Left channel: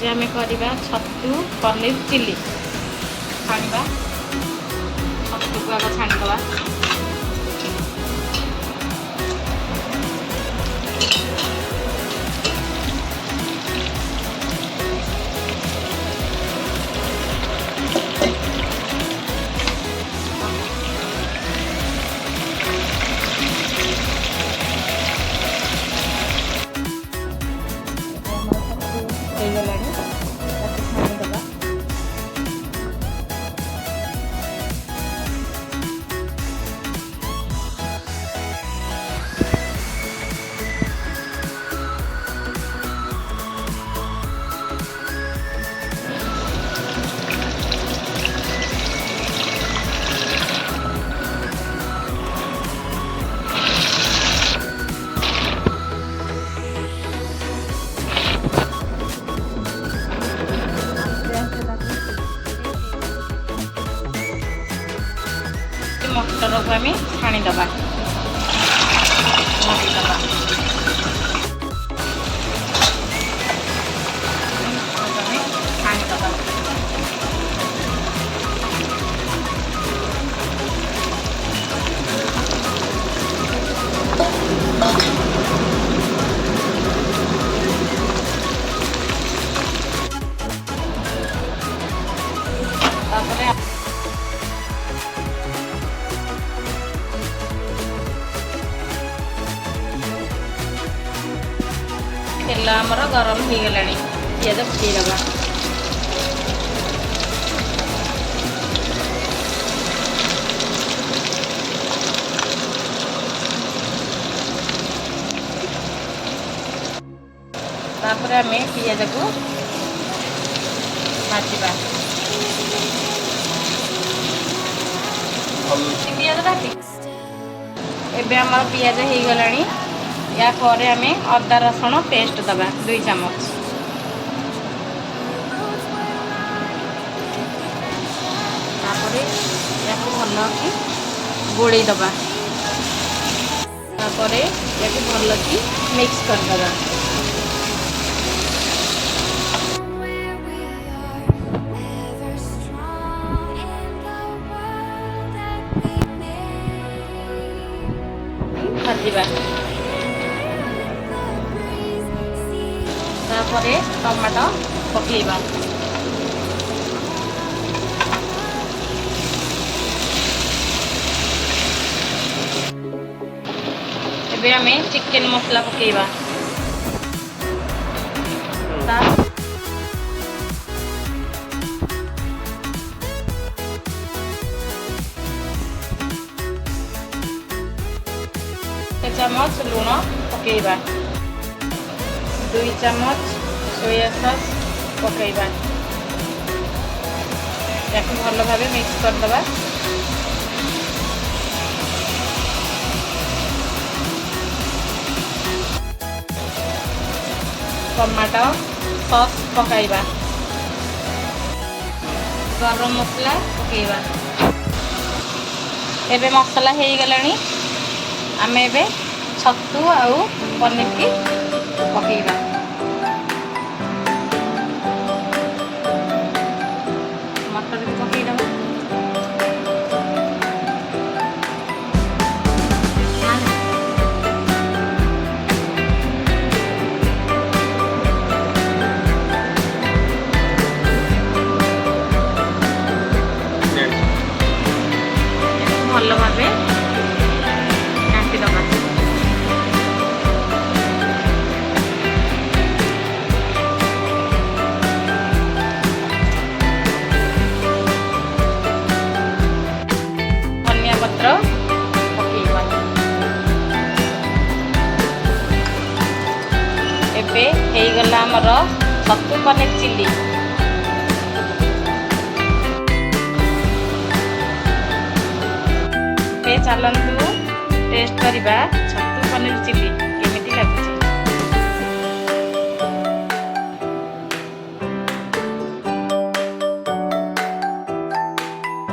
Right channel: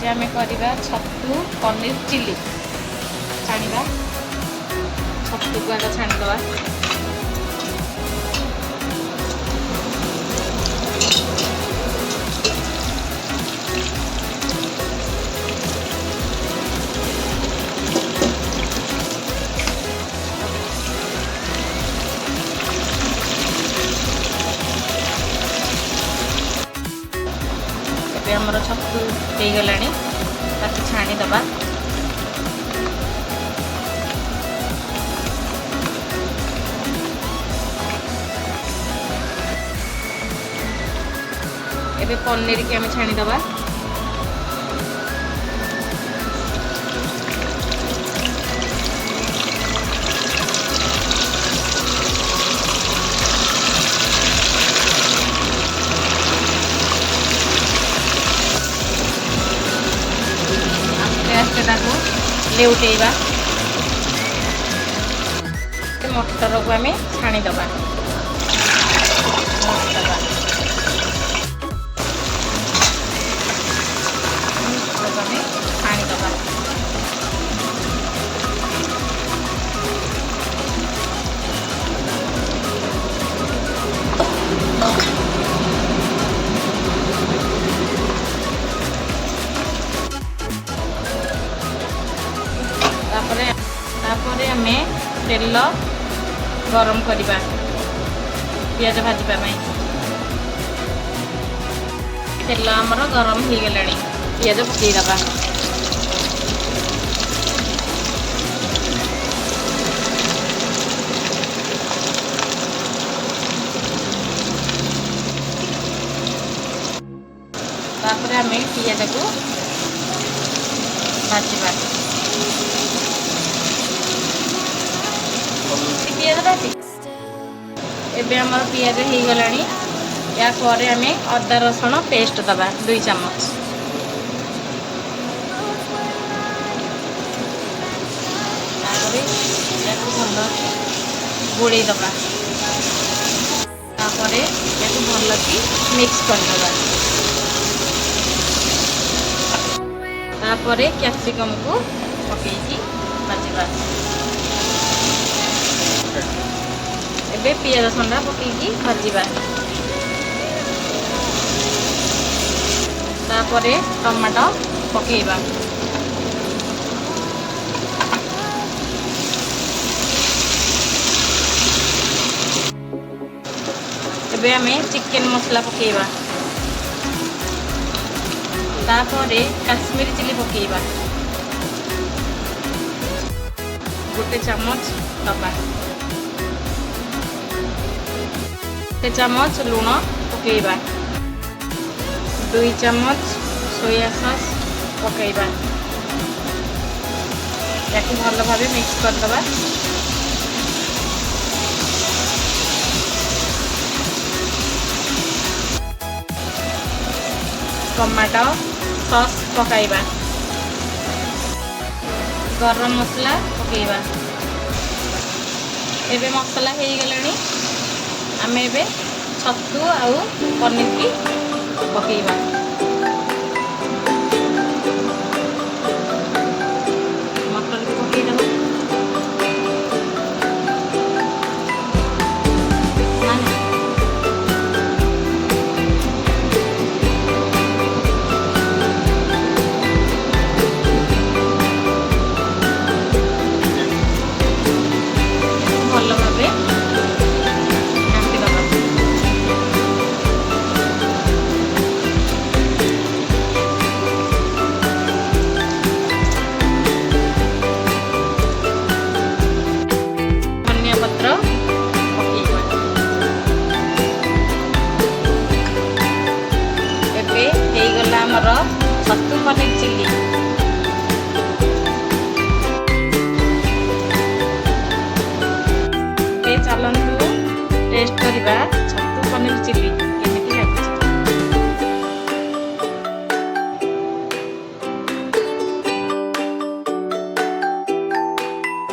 आज आम करवा छतु पनीर चिली छाणवा छतु को आग छाणीदवा छतु हो गला छाणीदवा ए पनीर के छाणीदवा लेउटेवा मटर को आम छाणीदवा छाणीदवा तेल गरम करवा पियाज भाजवाई तेल आमर गरम हो गला पियाज पकईदवा तापर आम पियाज को भाजवा एबे आमर पियाज हो गला या पर आम अदा रसुण पेस्ट दबा 2 चम्मच भल कि गोड़े दबा भल कि मिक्स करदबा कैप्सिकम को पकईकी भाजवा ए पियाज रसुण पकईकी भाजवा टमाटो पकईबा एबे आमे चिकन मसला पकईबा काश्मीरी चिली पकईबा 1 चम्मच दबा 1 चम्मच लुण पकईबा 2 चम्मच सोया सॉस पकईबा या भल भाव मिक्स करदबा टमाटो सॉस पकईबा गरम मसला पकईबा एबे मसला हो गला आम एबे छतु आउ पनीर की पकईबा मटर भी पकईदबा भल भाव घांटीदबा धनिया पत्र पकईबा एबे हो गला हमर छतु पनीर चिली चलतु टेस्ट करवा